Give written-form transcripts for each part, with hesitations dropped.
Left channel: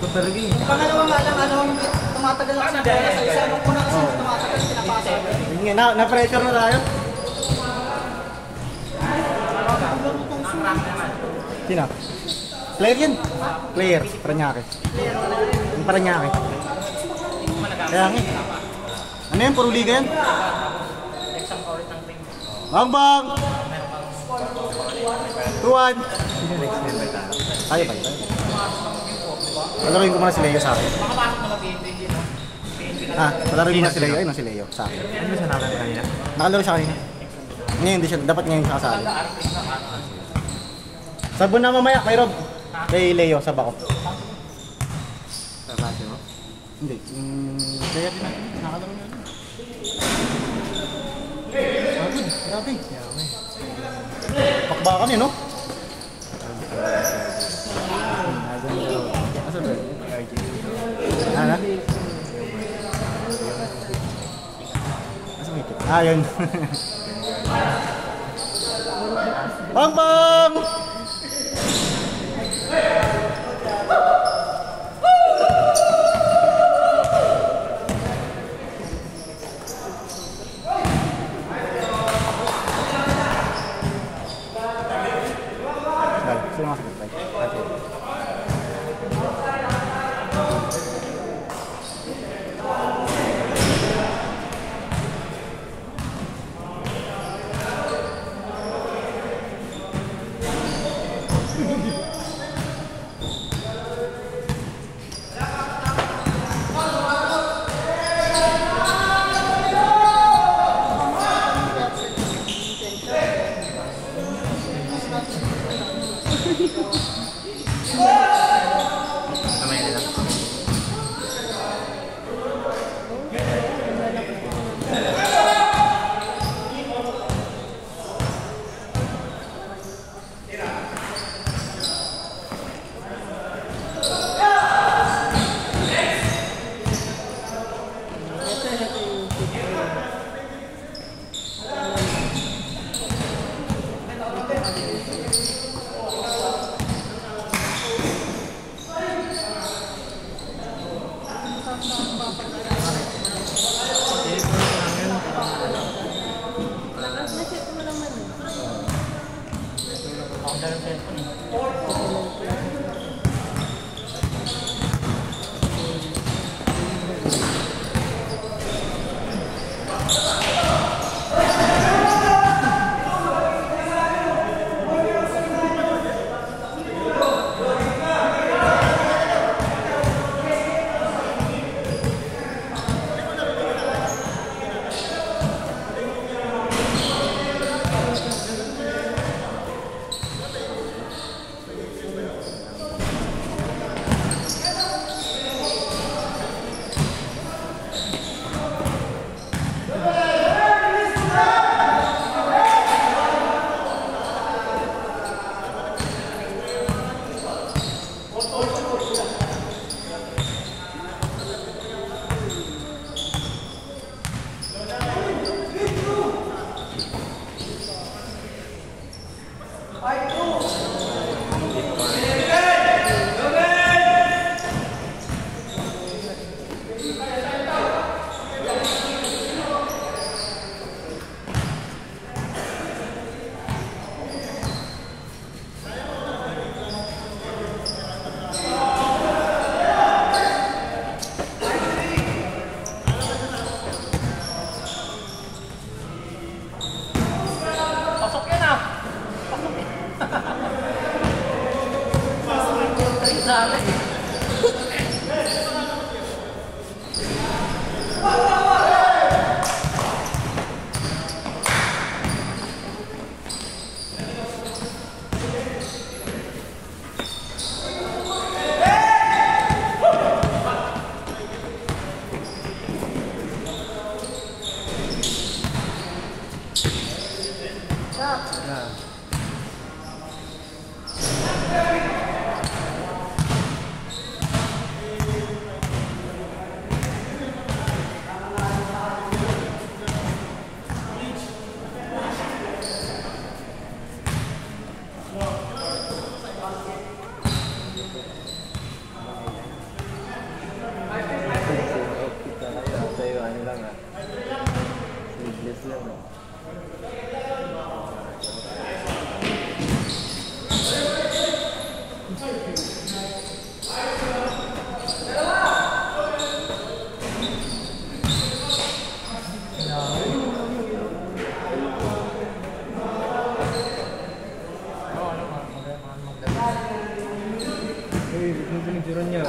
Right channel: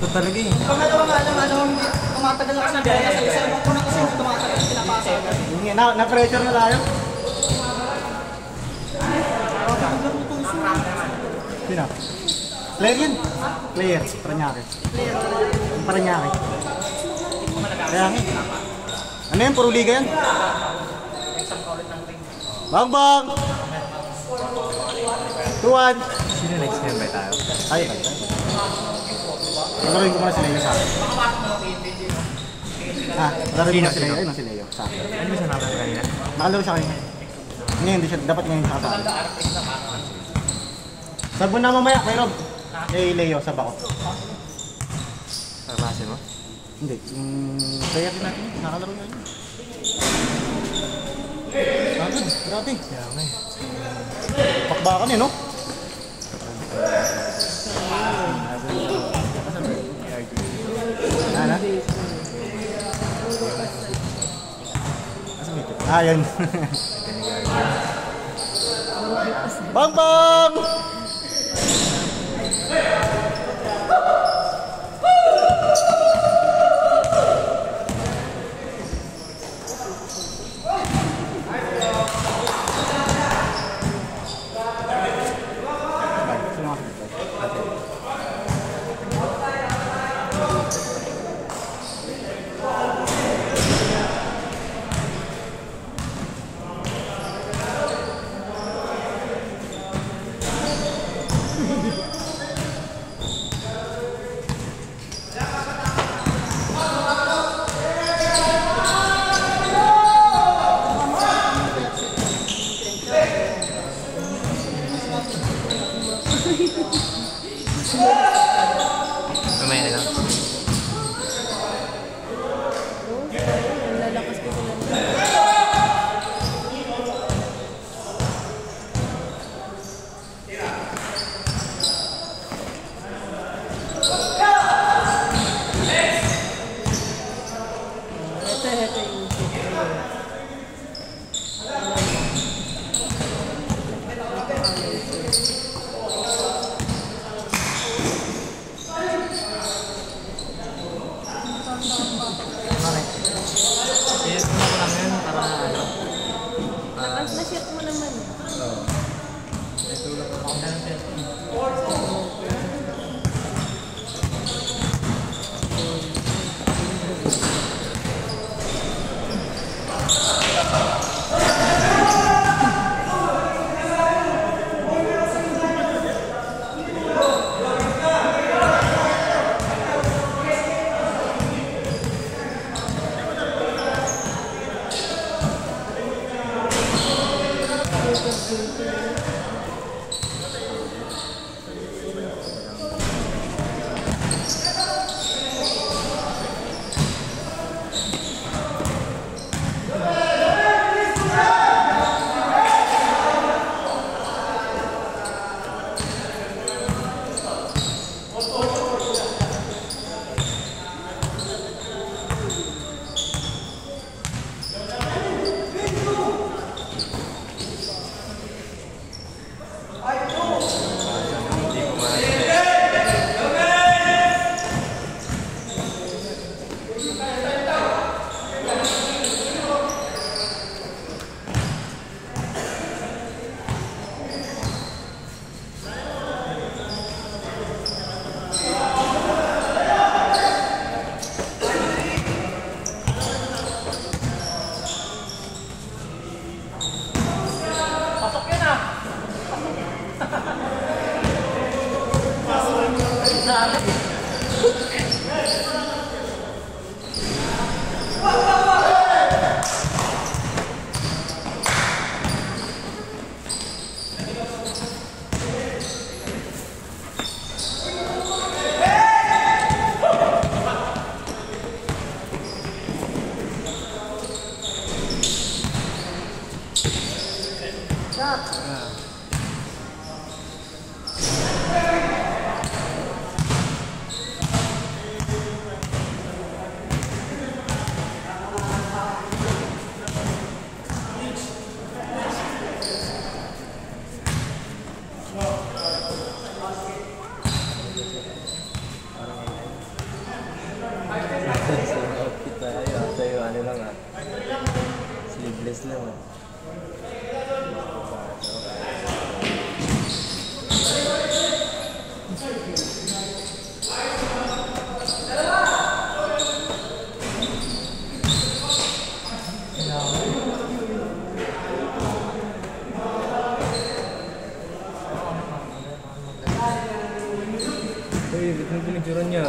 Ito talaga eh. Pangalawa nga lang, tumatagal ako sa bola sa isa. Nung una kasi tumatagal, pinapasa. Na-pressure na tayo. Sino? Player yun? Player, Paranaque. Paranaque. Kaya nga. Ano yan? Puro liga yan? Bang! 2-1. Sino next game ba tayo? Tayo. Palaruin ko muna si Leo sa akin. Palaruin ko muna si Leo. Ayun si Leo sa akin. Ano sa naman kanina? Nakalaro siya kanina. Ngayon di siya. Dapat ngayon siya kasali. Sabon na mamaya. Mayroon. Kay Leo sa bako. Sa klase mo? Hindi. Player din natin. Nakalaro niya yun. Grabe. Pakbakan eh, no? Yun. Bang! Uy, ano pinagsuran niya?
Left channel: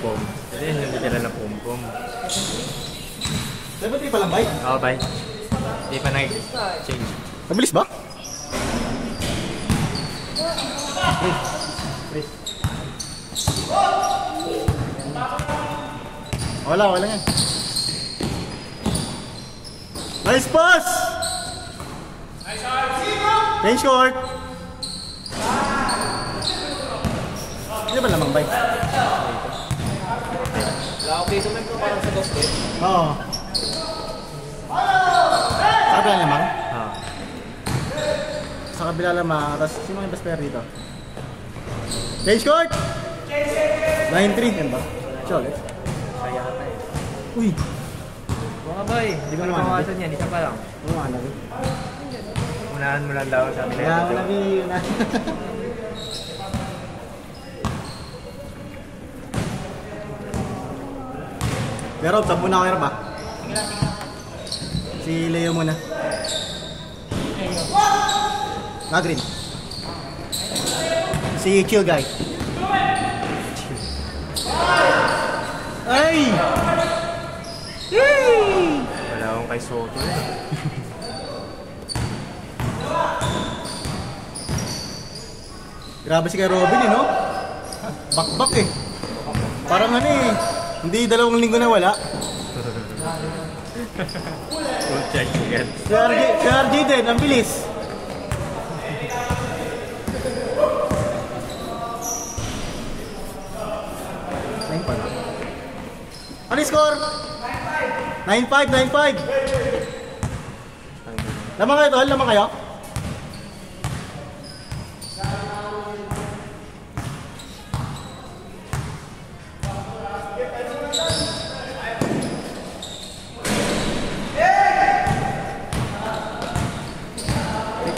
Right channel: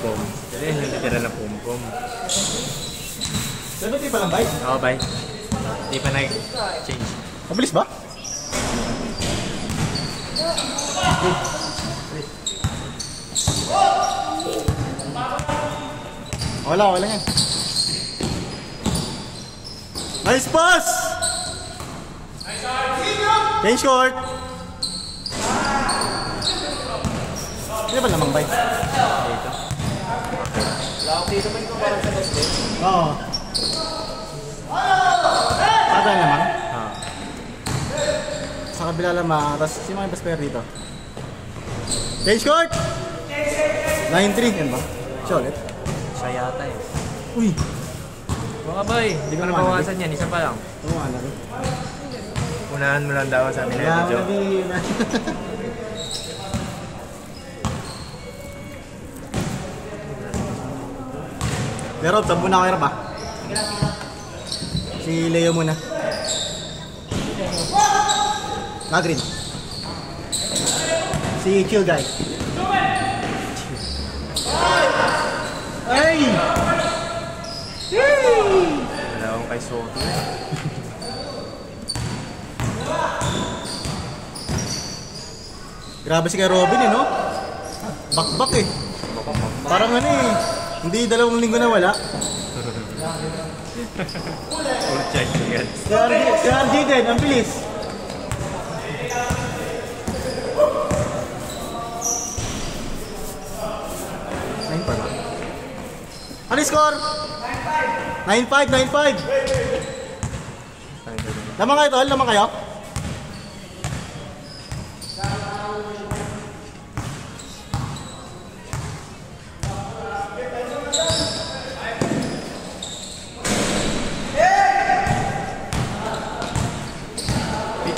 Pom-pom. Ito yung nalitira na pom-pom. Pero di pa lang, bay? Oo, bye. Di pa nag-change. Mabilis ba? Wala yan. Nice pass! Change court! Hindi ba lamang bay? Oo. Kabila lamang? Ah. Sa kabila lamang, tapos sino ang best player dito? Change court! 9-3, yan ba? Siya ulit? Siya yata eh. Uy! Mga bay, di ba nabawasan yan? Isa pa lang. Oo, ano rin. Unahan mo lang daw sa amin. Kaya mo lagi na. Laro, tabu na ako ba? Si Leo muna. Green. Si Q guy. Ay! Wala akong kay Soto eh. Grabe si kay Robin eh, no? Bakbak eh. Parang ano eh. Hindi 2 linggo na wala. Full check again. Si RG din, ang bilis. Nine pa ba? Ano score? 9-5, 9-5. Lamang kayo tol? Lamang kayo?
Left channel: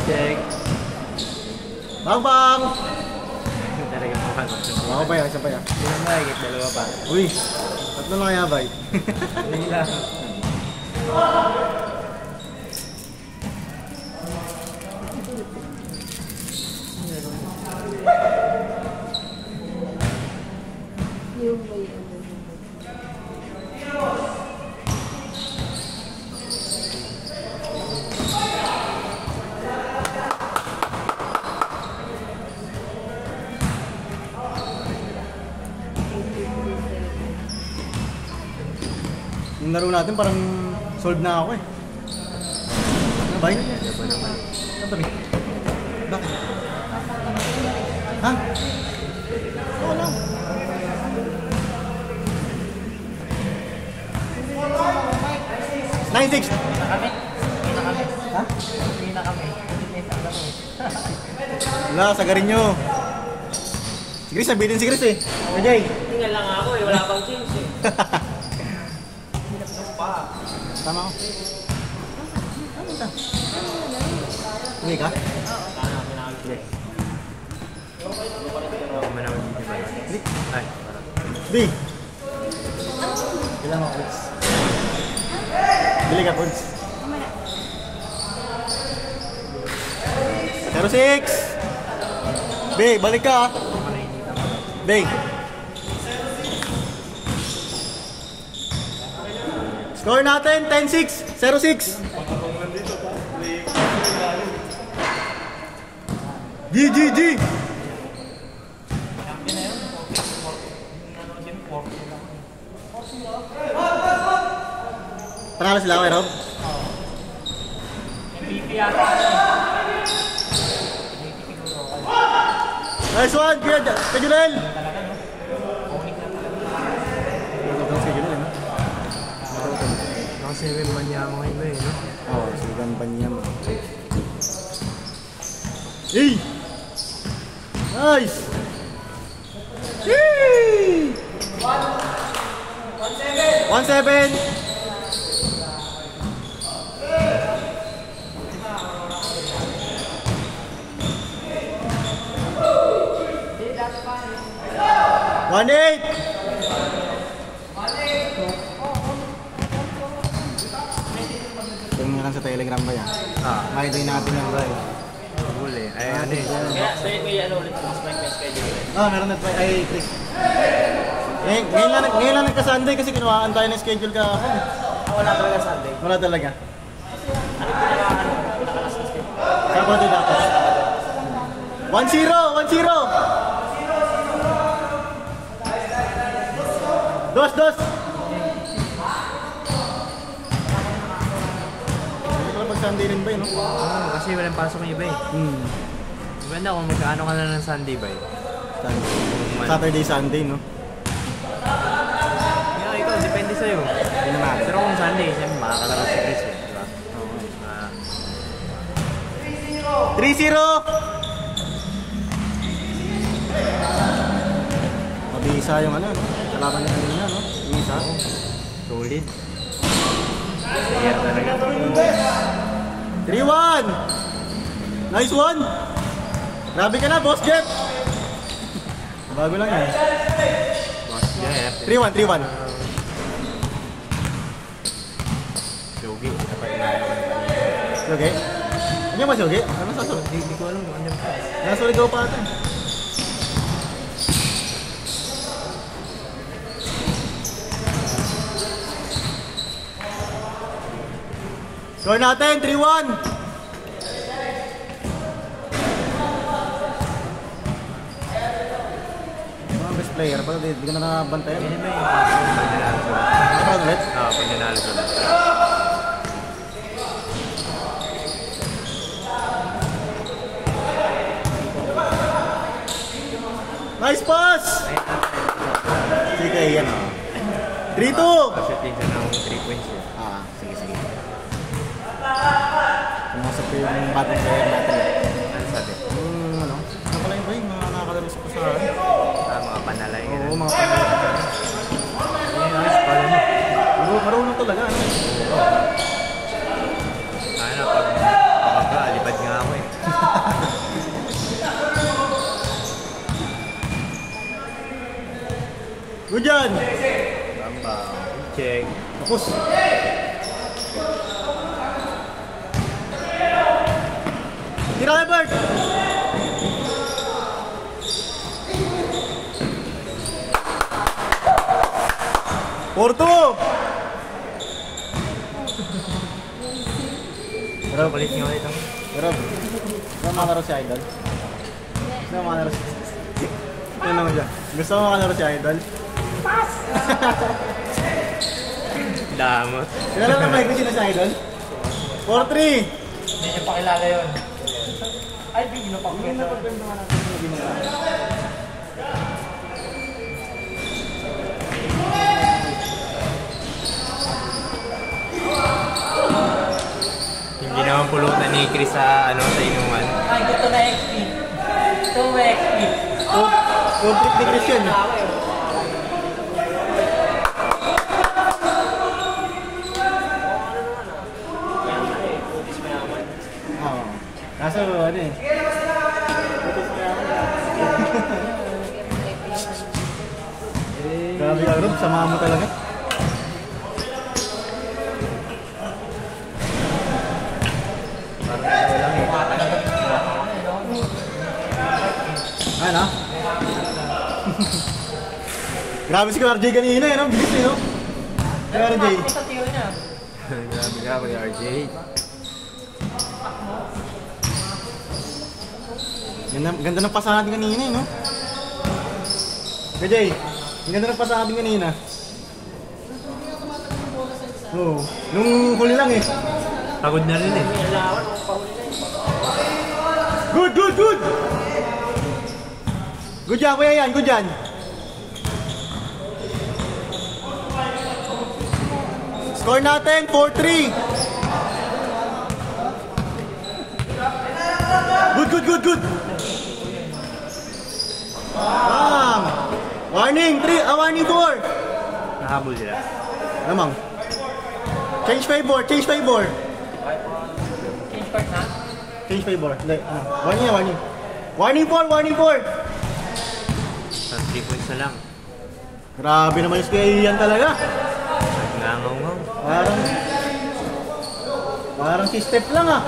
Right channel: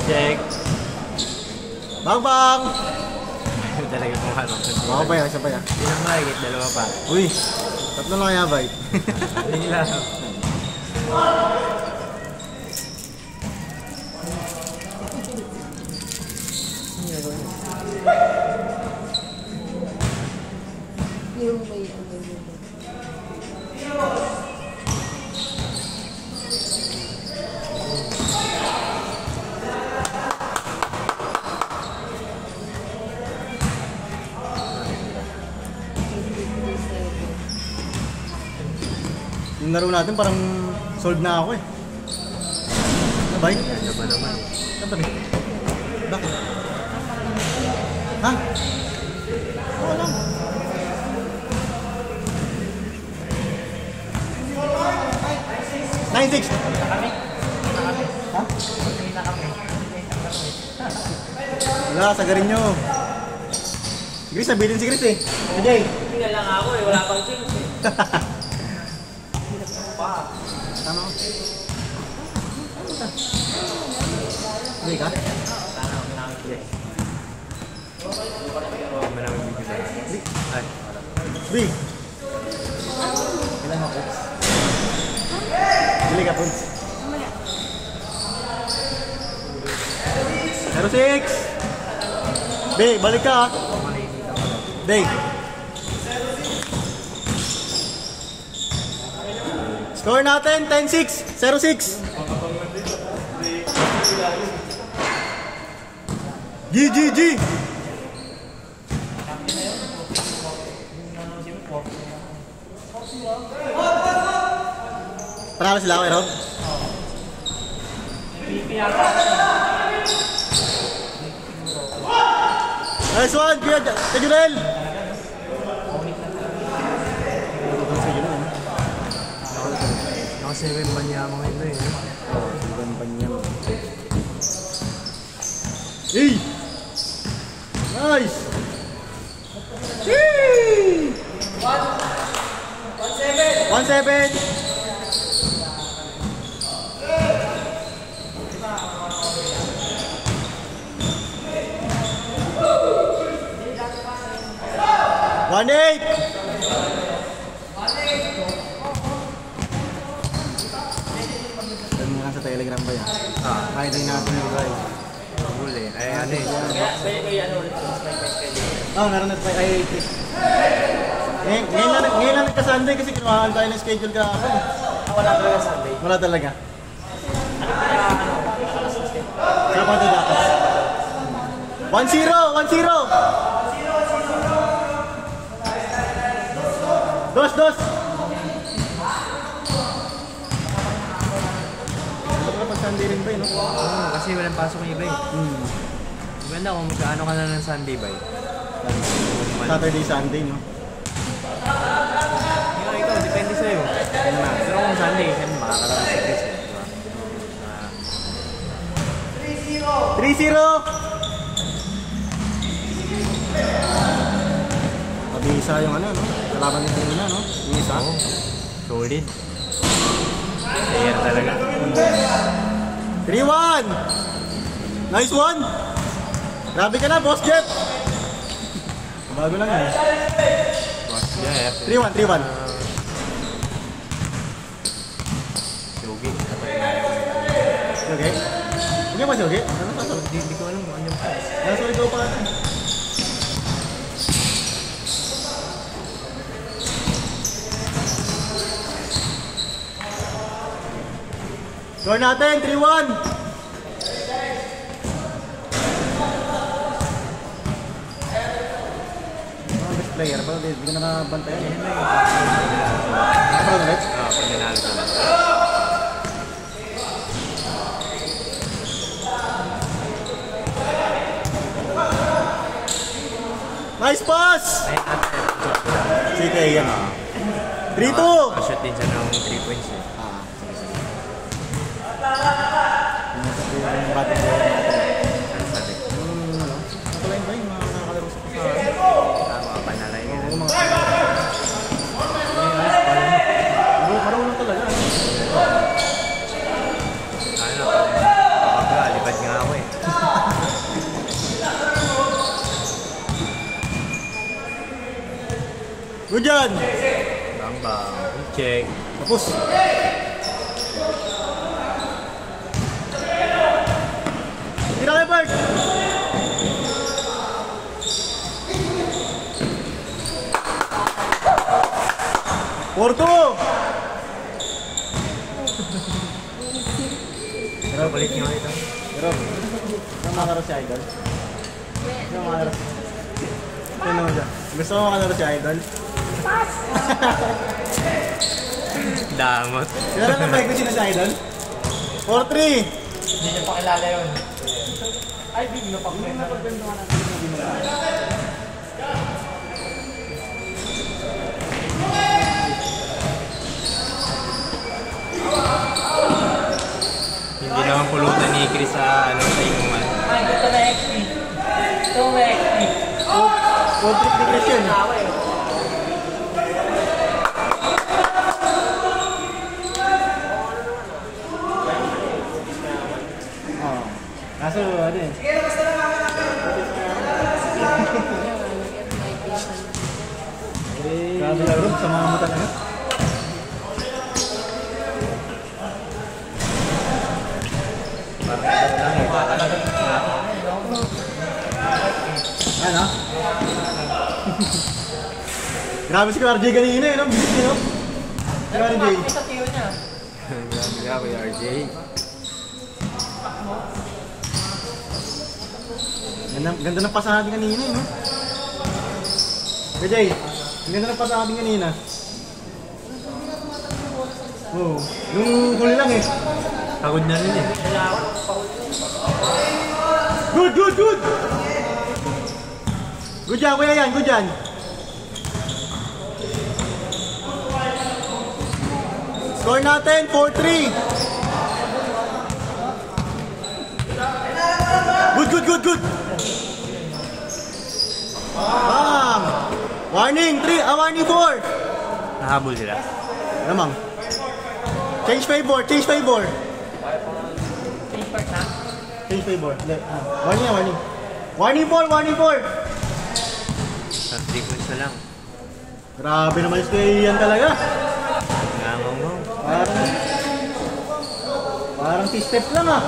Check. Bang! Talaga mo ka. Baka pa yan, isa pa yan. Hindi naman mahigit, dalawa pa. Uy, 3 lang kaya ba? Hindi lang. Yung laro natin parang solve na ako eh. Ano ba yun? Ano ba yun? Bakit? Ha? Oo lang. Wala, sagarin nyo. Si Chris, nabitin si Chris eh. Ajay. Tingnan lang ako eh, wala akong teams eh. Tama ko. Uwi ka? Di. Ilang ako. Bili ka, Pons. 06. Big, balik ka. Big. Score natin, 10-6. 0-6. GGG. Panalo sila ako, Rob? Nice one, Kajurel! Naka-7 pa niya mga iba eh, no? Oo, 7 pa niya. Hey! Nice! Yee! 1-7! One-8! Doon na lang sa Telegram ba yan? Nakita yung natin na ba eh? Huli. Ay, ano eh. Meron na tayo ay click. Ngayon lang nagka-Sunday kasi kinuhaan tayo ng schedule kahapon. Wala talaga Sunday. Wala talaga. Kapag ito dapat. 1-0! 1-0! Dos! Sunday rin ba yun? Oo, kasi walang pasok yung iba eh. Maganda kung magkaano ka na ng Sunday ba eh. Saturday, Sunday, no? Yeah, ikaw, depende sa'yo. Pero kung Sunday, siyempre makakalaro sa Chris eh, di ba? 3-0! Mabisa yung ano, no? Kalaban niya kanina, no? Yung isa. Solid. Player talaga. 3-1! Nice one! Grabe ka na, Boss Jet! Bago lang yan. Boss Jeff. 3-1. Shogi. Okay? Hindi ba Shogi? Hindi ko alam kung ano pa. Nasa ligaw pa ata. Score natin, 3-1! Best player to, hindi ko na nabantayan. Ano ulit? Panginalo ka na. Nice pass! Sige, yan o. 3-2! Pashoot din siya ng 3 points eh. Sige. Nasa ito yung batang player natin. Ano sabi? Nakalain ba yung nakakalaro sa Mga panalay ka na. Oo, mga marunong talaga. Ano? Kapag alipad nga ako eh. Good dyan! Check. Tapos. Tira kayo, Bert! Porto! Pero palit niyo ulit ako. Gerard, saan makalaro si Idol? Saan makalaro si Idol? Gusto mo makalaro si Idol? Damot. Kilala na ba yung sino si Idol? 4-3! Hindi niyo pakilala yun. Ay, bigyan pa. Yung napagbentungan natin yung ginawa. Hindi naman pulutan ni Chris sa ano sa inuman. Ay, dito na XP. Correct. Road trip ni Christian. Kaso ano eh. Grabe ka rin, sama mo talaga. Parang ikaw lang eh. Ano? Grabe si RJ kanina eh, no? Bilis eh, no? RJ. Grabe ka, Kuya RJ. Ganda ng pasa natin kanina eh, no? RJ, ganda ng pasa natin kanina. Oo. Nung huli lang eh. Pagod niya rin eh. Good, good, good! Good job, kuya yan, good yan. Score natin, 4-3. Good, good, good, good. Bang! Warning, 3, warning 4. Nahabol sila. Lamang. Change favor, change favor. Change favor. Warning na, warning. Warning 4, warning 4. Isang 3 points na lang. Grabe naman yung kaya Ian talaga. Nangangaw. Parang si Steph lang ah.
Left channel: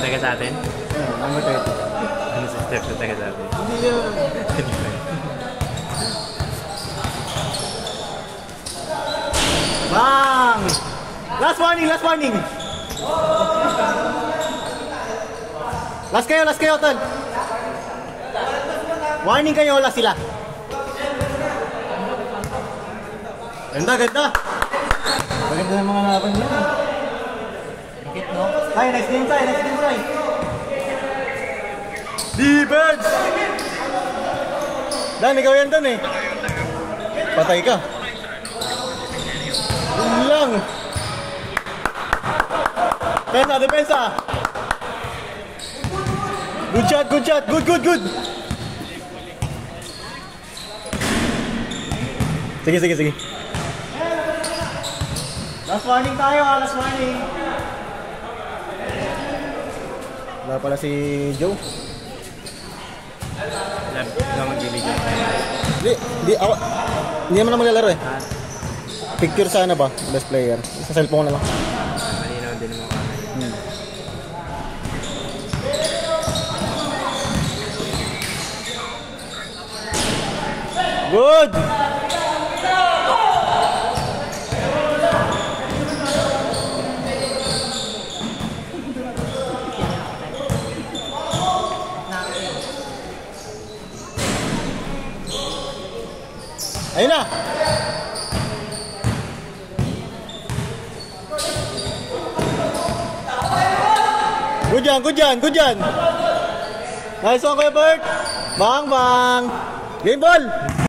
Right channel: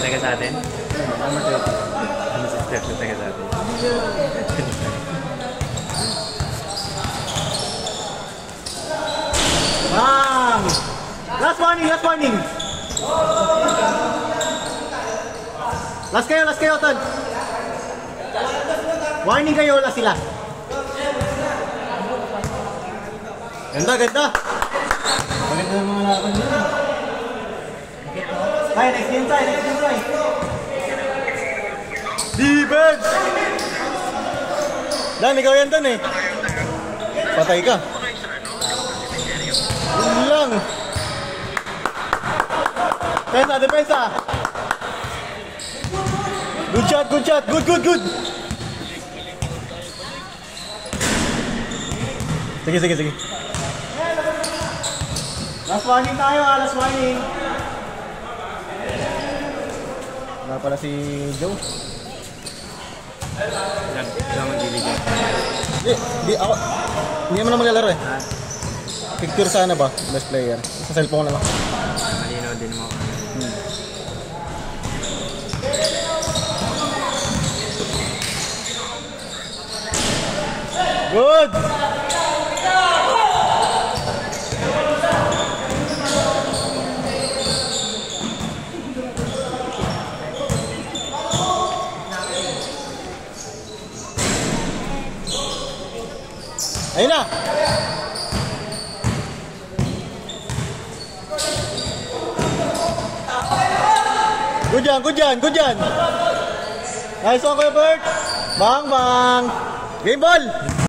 Taga sa atin? Ano si Steph na taga sa atin? Bang! Last warning, last warning. Last kayo, Ton. Warning kayo, last sila. Ganda, ganda. Maganda ng mga laban nyo. Tayo, next game tayo, next game tayo. Defense! Dan, ikaw yan Ton eh. Patay ka. Yun lang. Depensa, depensa. Good shot, good shot. Good, good, good. Sige, sige, sige. Last warning tayo, last warning. Wala pala si Joe. Gaman diligent. Hindi ako. Hindi naman na maglalaro eh. Picture sana ba? Best player. Sa cellphone na lang. Malinaw din naman ako. Good! Ayun na! Good yan, good yan, good yan! Nice one, Kuya Bert! Bang, bang! Game ball!